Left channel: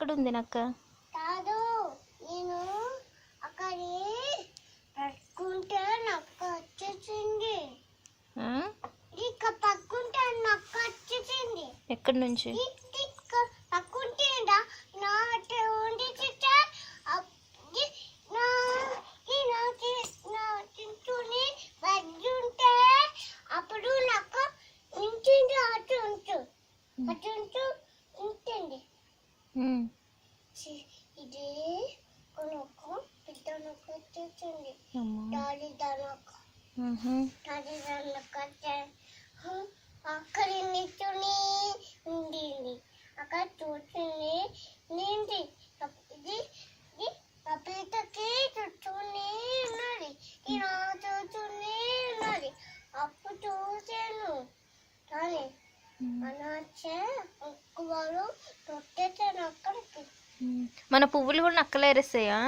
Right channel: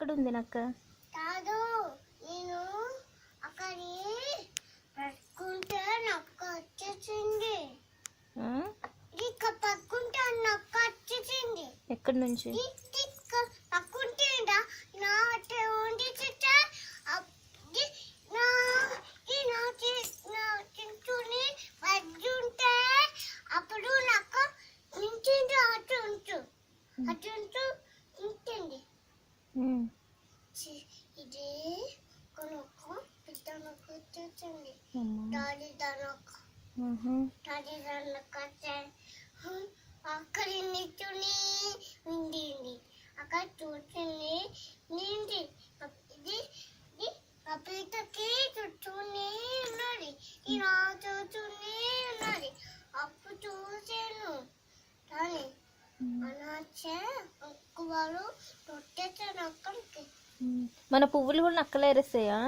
ఎక్కడుంది నక్క? కాదు, నేను అక్కడ పట్టుకుంటే నక్క వచ్చేసింది. ఇక పట్టుకుంటే నక్క వచ్చేసింది. ఎక్కడి నుంచి? పట్టుకుంటే నా వండి చుట్టూని బజ్జుంటే అప్పుడు నక్క నించింది. అటు ఉంచు ఉంటుంది. ఇది నొక్క పెద్ద నొక్క వచ్చేసింది. దానొక్క అక్కడ నించుని ఉండింది. అక్కడ చూసింది నిండి. ఇది కపితకి చుట్టూనే ఉన్నది. ఇలా చూస్తూనే ఉన్నది. అప్పుడు చూసాను కానీ అనాచే వాళ్ళు తొట్టేసాను అక్కడికి. మన పువ్వులు కూడా నక్కలు ఏరేస్తాయా?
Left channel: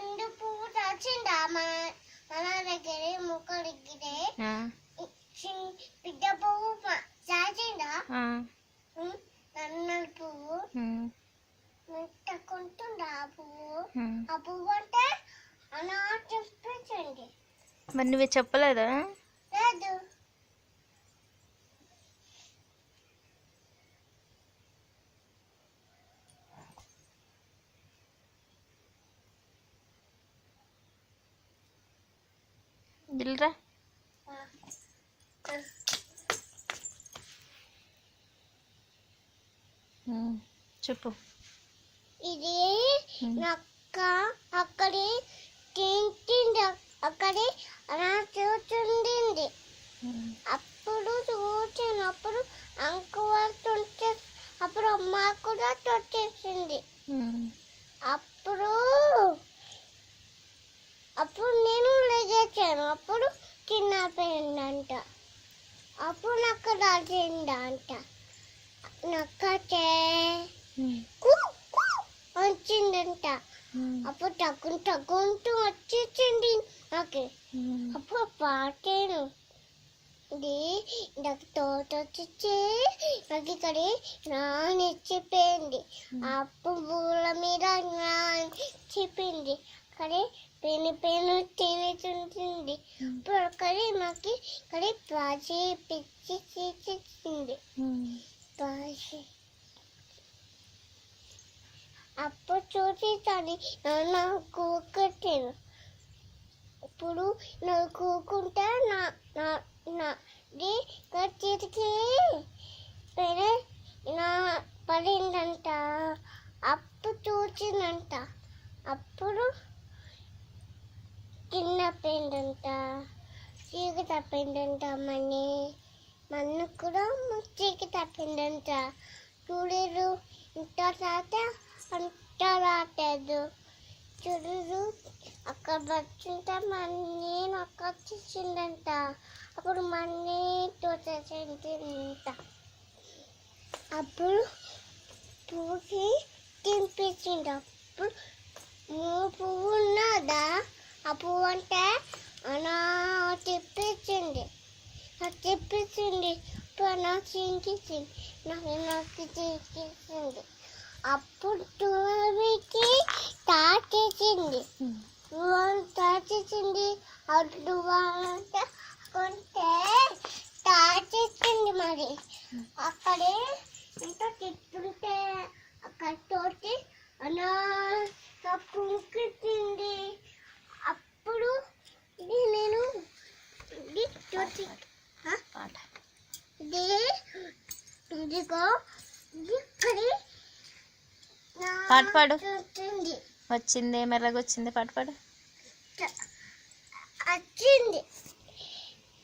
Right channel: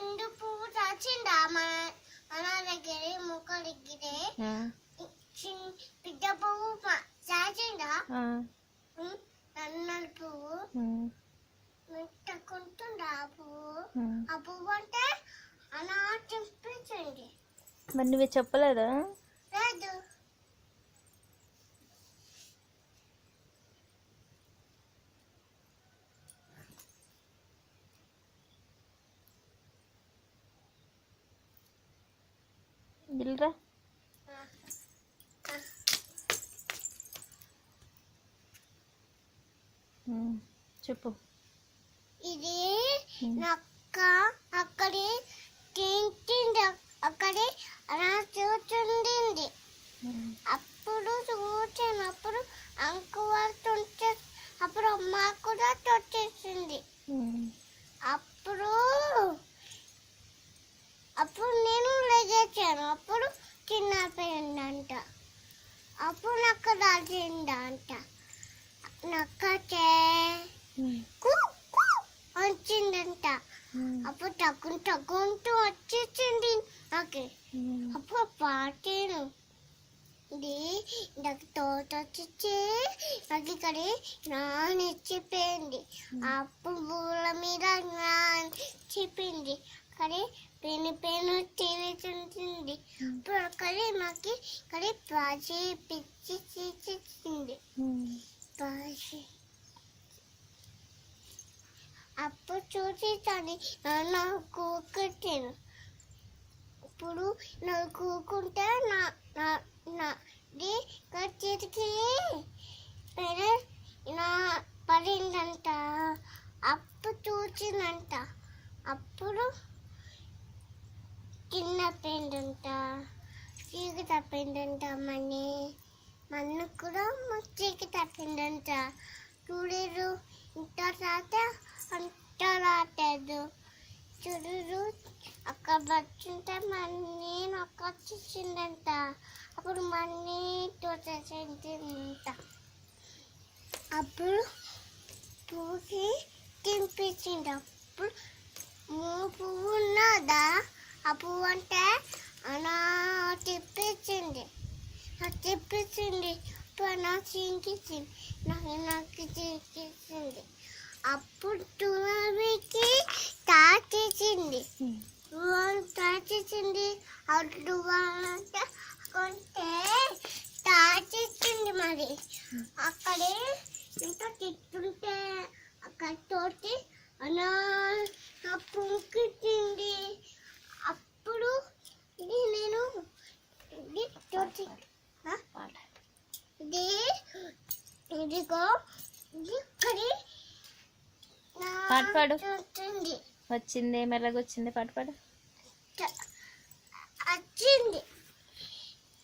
రెండు పువ్వు చాచిందా మన దగ్గర ముక్క దగ్గరే పెద్ద పువ్వు చాచిందా? నన్నల పువ్వు మెట్టకుంటుందా? ఆ పువ్వు అంటే అలా చెప్పించండి. మరి నువ్వు చెప్పలేదా? లేదు. దిల్రా చెప్పు. ఇది నక్క అక్కడి తింటుంది. అక్కడి అలా చూస్తుండింది. అప్పుడు చూసినప్పుడు అంకుతుంటే అప్పుడు అమ్మ కూడా తొట్టేసింది. అప్పుడు నేను లేచాను. అప్పుడు చిన్నపోయిందంట. అప్పుడు నక్క రాసిందంట. నక్క వచ్చిందంట. అప్పుడు తగ్గుంటూ వచ్చేసింది నాకు. అప్పుడు పాటాను. ఇది నాకు తోట వచ్చి నాకు ఇక్కడ నానిచ్చిపోయింది. ఆ పువ్వుల మీద నానిచ్చిపోయింది. కానీ పెను తినేసింది. ఇప్పుడు అక్కడి నాకు ఇక్కడ పాచి పిచ్చి తీసేసింది. అప్పుడు చూసి తని నాకు కట్టాను. ఇప్పుడు నాకు కూకుంటే నాది కచ్చికి పడిందంట. అప్పుడు చూసిందంట. అప్పుడు చిన్న పెండంట, చీకి తప్పిందంట. మన్ను కూడా చీకి తప్పిందంట. చూడరు ఇంత రాత అంత రాలేదు. చూడరు అక్కడ పడుతుంటే మన్నీ నొక్క వచ్చేసిందంట. అప్పుడు మన్నీ తోచేసిందంట. అప్పుడు పువ్వుకి తినిపించింది. అప్పుడు పువ్వు ఉన్నదా? ఆ పువ్వు అంటే అలా తిప్పించింది. ఇప్పుడు నాకు చింకించింది. నాకు చింకించింది. అప్పుడు టూకి తాచేసింది. అడ్డు అంటే కొంటే తాచేసింది. మరి అక్కడే ఇంత తిట్టుంటే అక్కడ తోటి అలా పుంకింది. అప్పుడు ఇది నేను ఇదిగో ఇక్కడి పాట పాడు. వచ్చింది మెల్లగా వచ్చింది. పాట పాడు. వచ్చింది.